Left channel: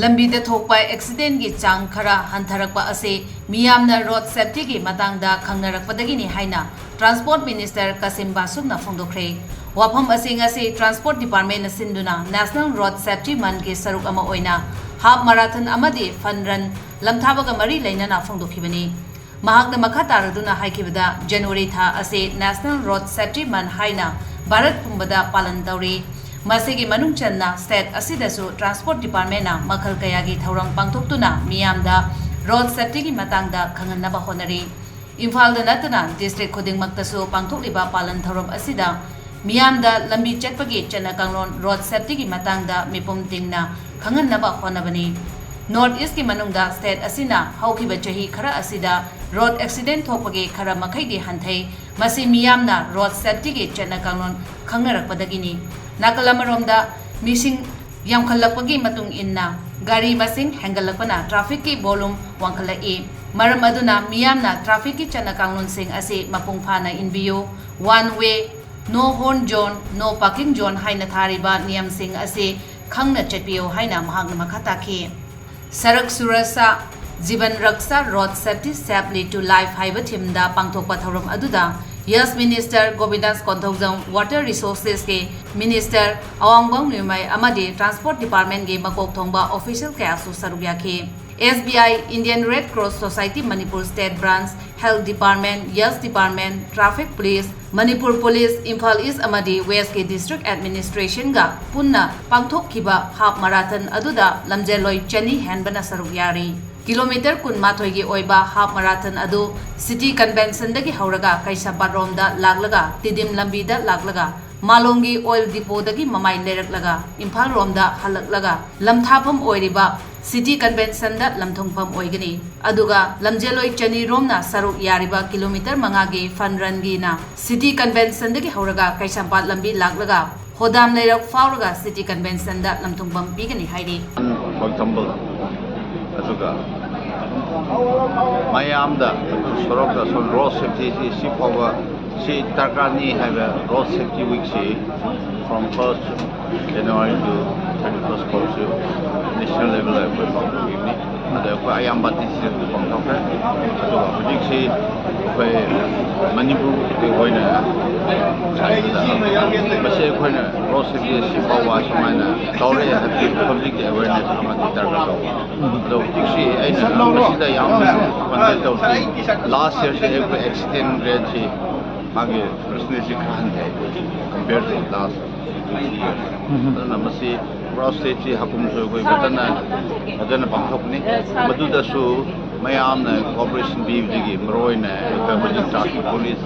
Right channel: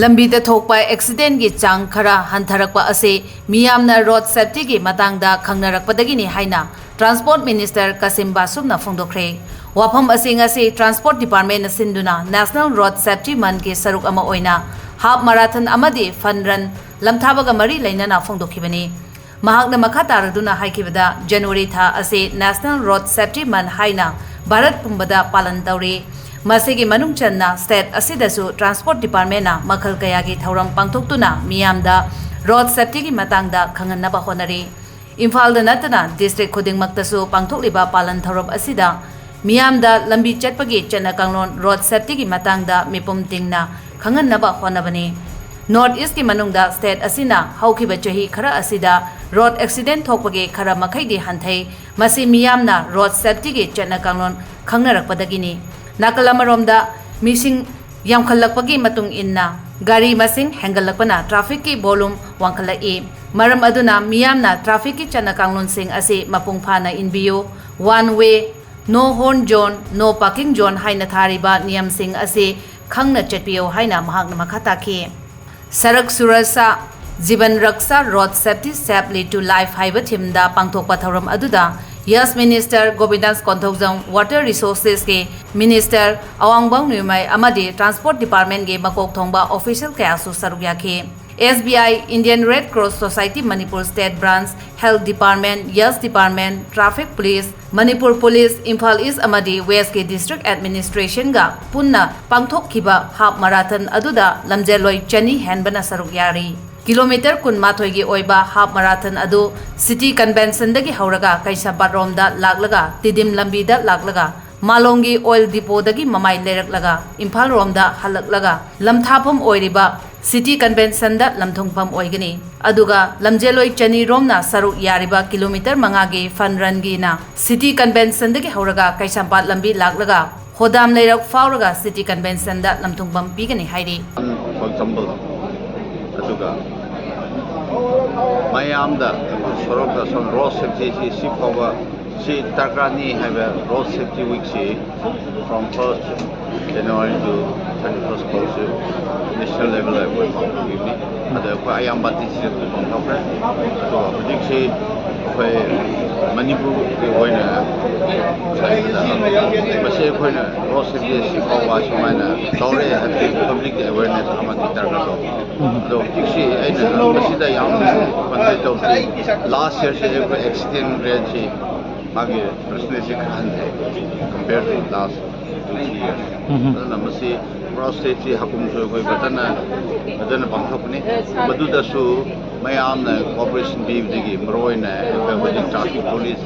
ꯂꯝꯕꯤꯗ ꯊꯣꯛꯄ ꯑꯦꯛꯁꯤꯗꯦꯟꯒꯤ ꯆꯥꯡ ꯈꯔ ꯍꯟꯊꯔꯛꯄ ꯑꯁꯤ ꯃꯤꯌꯥꯝꯅ ꯔꯣꯗ ꯁꯦꯐꯇꯤꯒꯤ ꯃꯇꯥꯡꯗ ꯈꯪꯅꯔꯛꯄꯗꯒꯤꯅꯤ ꯍꯥꯏꯅ ꯇ꯭ꯔꯥꯟꯁꯄꯣꯔꯠ ꯃꯤꯅꯤꯁꯇꯔ ꯀꯥꯁꯤꯝ ꯕꯥꯁꯨꯝꯅ ꯐꯣꯡꯗꯣꯛꯈ꯭ꯔꯦ꯫ ꯋꯥꯐꯝ ꯑꯁꯤ ꯉꯁꯤ ꯇ꯭ꯔꯥꯟꯁꯄꯣꯔꯠ ꯗꯤꯄꯥꯔꯠꯃꯦꯟꯠꯅ ꯁꯤꯟꯗꯨꯅ ꯅꯦꯁꯅꯦꯜ ꯔꯣꯗ ꯁꯦꯐꯇꯤ ꯃꯟꯊꯒꯤ ꯁꯔꯨꯛ ꯑꯃ ꯑꯣꯏꯅ ꯍꯥꯐ ꯃꯥꯔꯥꯊꯟ ꯑꯃꯗꯤ ꯐꯟ ꯔꯟ ꯂꯝꯊꯥꯕꯒ ꯃꯔꯤ ꯂꯩꯅꯅ ꯐꯣꯡꯗꯣꯛꯈꯤꯕꯅꯤ꯫ ꯃꯍꯥꯛꯅ ꯃꯈꯥ ꯇꯥꯔꯗꯨꯅ ꯍꯥꯏꯈꯤꯕꯗ ꯖꯅꯨꯋꯥꯔꯤ ꯊꯥ ꯑꯁꯤ ꯅꯦꯁꯅꯦꯜ ꯔꯣꯗ ꯁꯦꯐꯇꯤ ꯃꯟꯊ ꯍꯥꯏꯅ ꯚꯥꯔꯠ ꯄꯨꯝꯕꯗ ꯄꯥꯂꯟ ꯇꯧꯔꯤ꯫ ꯃꯁꯤꯒꯤ ꯃꯅꯨꯡ ꯆꯟꯅ ꯁ꯭ꯇꯦꯠ ꯑꯁꯤꯗꯁꯨ ꯇ꯭ꯔꯥꯟꯁꯄꯣꯔꯠ ꯗꯤꯄꯥꯔꯠꯃꯦꯟꯠꯅ ꯃꯈꯜ ꯀꯌꯥꯒꯤ ꯊꯧꯔꯝ ꯄꯥꯡꯊꯣꯛꯇꯨꯅ ꯃꯤꯌꯥꯝꯗ ꯔꯣꯗ ꯁꯦꯐꯇꯤꯒꯤ ꯃꯇꯥꯡꯗ ꯈꯪꯍꯟꯅꯕ ꯍꯣꯠꯅꯔꯤ꯫ ꯏꯝꯐꯥꯜꯗ ꯅꯠꯇꯅ ꯗꯤꯁꯇ꯭ꯔꯤꯛ ꯈꯨꯗꯤꯡꯃꯛꯇꯁꯨ ꯄꯥꯡꯊꯣꯛꯂꯤꯕ ꯄꯥꯂꯟ ꯊꯧꯔꯝ ꯑꯁꯤꯗ ꯃꯤꯌꯥꯝꯗ ꯂꯝꯕꯤ ꯆꯠꯄꯒꯤ ꯆꯠꯅ ꯀꯥꯡꯂꯣꯟ ꯔꯣꯗ ꯁꯦꯐꯇꯤꯒꯤ ꯃꯇꯥꯡꯗ ꯃꯤꯄꯨꯝ ꯇꯤꯡꯅ ꯈꯪꯍꯟꯅꯕ ꯍꯣꯠꯅꯕꯅꯤ꯫ ꯅꯣꯔꯊ ꯏꯁꯠꯀꯤ ꯃꯅꯨꯡꯗ ꯁ꯭ꯇꯦꯠ ꯑꯁꯤꯅ ꯍꯧꯈꯤꯕ ꯆꯍꯤ ꯈꯔ ꯑꯁꯤꯗ ꯔꯣꯗ ꯑꯦꯛꯁꯤꯗꯦꯟ ꯊꯣꯛꯄꯒꯤ ꯈꯔ ꯃꯈꯩꯗꯤ ꯍꯟꯊꯩ꯫ ꯃꯁꯤ ꯃꯤꯌꯥꯝꯅ ꯔꯣꯗ ꯁꯦꯐꯇꯤꯒꯤ ꯆꯠꯅ ꯀꯥꯡꯂꯣꯟ ꯈꯪꯅꯔꯛꯄꯗꯒꯤꯅꯤ꯫ ꯅꯥꯀꯜ ꯑꯃꯔꯣꯝꯗ ꯃꯤꯁꯤꯡ ꯌꯥꯝꯈꯠꯂꯛꯄꯒꯤ ꯃꯇꯨꯡ ꯏꯟꯅ ꯒꯥꯔꯤ ꯃꯁꯤꯡ ꯍꯦꯟꯒꯠꯂꯛꯄꯅ ꯇ꯭ꯔꯥꯐꯤꯛꯀꯤ ꯚꯣꯂꯨꯝ ꯋꯥꯡꯈꯠꯂꯛꯏ꯫ ꯃꯔꯝ ꯑꯗꯨꯅ ꯃꯤꯌꯥꯝꯅ ꯇ꯭ꯔꯥꯐꯤꯛꯀꯤ ꯆꯠꯅ ꯀꯥꯡꯂꯣꯟꯁꯤꯡ ꯑꯁꯤ ꯃꯄꯨꯡ ꯐꯥꯅ ꯏꯟꯕꯤꯌꯨ꯫ ꯋꯥꯟ ꯋꯦ, ꯅꯣ ꯍꯣꯔꯟ ꯖꯣꯟ, ꯅꯣ ꯄꯥꯔꯀꯤꯡ ꯖꯣꯟ ꯍꯥꯏꯅ ꯊꯥꯔꯤꯕ ꯅꯤꯌꯝꯁꯤꯡ ꯑꯁꯤ ꯈꯪꯅ ꯆꯠꯄꯤꯌꯨ ꯍꯥꯏꯅ ꯃꯍꯥꯛꯅ ꯃꯈꯥ ꯇꯥꯈꯤ꯫ ꯁꯔꯛ ꯁꯨꯔꯛꯁꯥ ꯖꯤꯕꯟ ꯔꯛꯁꯥ road safety safely to life ꯍꯥꯏꯕ ꯊꯤꯝꯗ ꯄꯥꯡꯊꯣꯛꯄ ꯊꯧꯔꯝ ꯑꯗꯨꯗ ꯌꯁ ꯃꯤꯅꯤꯁꯇꯔ ꯒꯣꯕꯤꯟꯗꯥꯁ ꯀꯣꯟꯊꯧꯖꯝ, ꯋꯥꯇꯔ ꯔꯤꯁꯣꯔꯁꯦꯁꯀꯤ ꯃꯤꯅꯤꯁꯇꯔ ꯑꯋꯥꯡꯕꯝ ꯅ꯭ꯌꯨꯃꯩ ꯑꯃꯗꯤ ꯇ꯭ꯔꯥꯟꯁꯄꯣꯔꯠ ꯗꯤꯄꯥꯔꯠꯃꯦꯟꯠꯀꯤ ꯃꯀꯣꯛ ꯊꯣꯡꯕ ꯑꯣꯐꯤꯁꯤꯌꯦꯜ ꯀꯌꯥꯁꯨ ꯁꯔꯨꯛ ꯌꯥꯈꯤ꯫ SBI, Indian red cross society Manipur state branch, health department, ꯌꯁ department, traffic police, Manipur police, Imphal east ꯑꯃꯗꯤ ꯋꯦꯁꯠꯀꯤ ꯗꯤꯁꯇ꯭ꯔꯤꯛ ꯑꯦꯗꯃꯤꯅꯤꯁꯇ꯭ꯔꯦꯁꯟꯒ ꯄꯨꯟꯅ ꯄꯥꯡꯊꯣꯛꯈꯤꯕ ꯍꯥꯐ ꯃꯥꯔꯥꯊꯟ ꯑꯗꯨꯗ ꯂꯝꯖꯦꯜꯂꯣꯏ 200 ꯍꯦꯟꯕꯅ ꯁꯔꯨꯛ ꯌꯥꯔꯤ꯫ ꯀꯤꯂꯣꯃꯤꯇꯔ 12ꯒꯤ ꯑꯣꯏꯕ ꯍꯥꯐ ꯃꯥꯔꯥꯊꯟ ꯑꯗꯨ ꯁꯤꯇꯤ ꯀꯟꯚꯦꯟꯁꯟꯗꯒꯤ ꯍꯧꯔꯒ ꯀꯩꯁꯥꯝꯄꯥꯠꯔꯣꯝꯗ ꯂꯥꯛꯂꯒ ꯇꯤꯗꯤꯝ ꯂꯝꯕꯤꯗ ꯂꯥꯛꯂꯒ ꯃꯥꯂꯣꯝꯒꯤ ꯑꯣꯏꯜ ꯗꯤꯄꯣꯗꯒꯤ ꯃꯃꯥꯏ ꯂꯩꯔꯛꯂꯒ ꯏꯝꯐꯥꯜ ꯔꯣꯝꯗ ꯍꯜꯂꯛꯂꯒ ꯂꯝꯊꯥꯐꯝ ꯑꯣꯏꯔꯤꯕ ꯁꯤꯇꯤ ꯀꯟꯚꯦꯟꯁꯟꯗ ꯂꯝꯊꯨꯡꯐꯝ ꯑꯣꯏꯒꯅꯤ꯫ ꯑꯗꯨꯒ ꯂꯝꯖꯦꯜꯂꯣꯏ 200 ꯔꯣꯝꯅ ꯁꯔꯨꯛ ꯌꯥꯔꯤꯕ ꯀꯤꯂꯣꯃꯤꯇꯔ 5ꯒꯤ ꯐꯟ ꯔꯟꯒꯤꯅ ꯁꯤꯇꯤ ꯀꯟꯚꯦꯟꯁꯟꯗꯒꯤ ꯍꯧꯔꯒ ꯀꯩꯁꯥꯝꯄꯥꯠ ꯂꯝꯕꯤ ꯂꯥꯛꯂꯒ ꯍꯣꯗꯥꯝ ꯂꯩꯔꯛ ꯐꯥꯎꯔꯒ ꯁꯤꯇꯤ ꯀꯟꯚꯦꯟꯁꯟꯗ ꯂꯝꯊꯨꯡꯐꯝ ꯄꯤꯒꯅꯤ ꯍꯥꯏꯔꯤ꯫ For example, aduga mayamda sorokta son road safety si phawa si tarkani haiba road safety week si from 1st January to 31st February national level we pangthokibni adu ko ayamba district tu pangthokre aduga hujik si khoi Manipur ke hoina saibda mase khoina road safety si phawa sumaina tawre happy public awareness amadi target do ado hujik si aina masida yam pandai tawsi last year se ek accident rate si magi percentage khan hai compared to last 2-3 years adana masi road safety hakum so koi batana adana pangthokni maduda su mayamna cooperation bibdigi maroina ek traffic police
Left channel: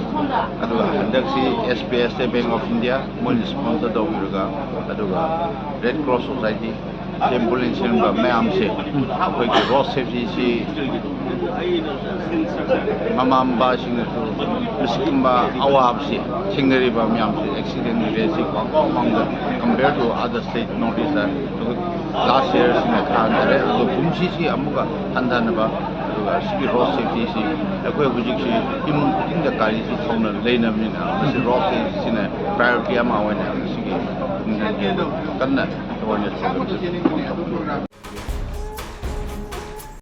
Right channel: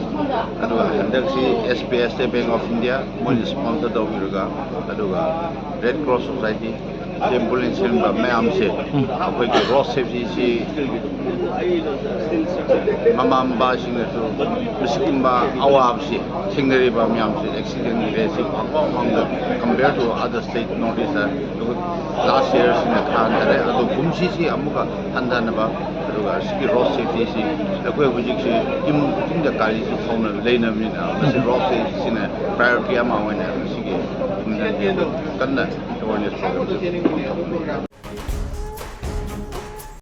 aduga handaksi SPS Bank of India moi sponsor dawirga aduga Red Cross Society ambulance ba mayam se akoi ki road safety si mamamba sing su bisikimba awab si thingari ba mayam se accident rate si among compared to other state notice last year sina khan dare adu bumsi si amuka handana ba aduga sigi road safety si akoi hujik si imung kuting da kari si thona leina mina masi road safety sina priority ama hoina sigi kanna awareness program se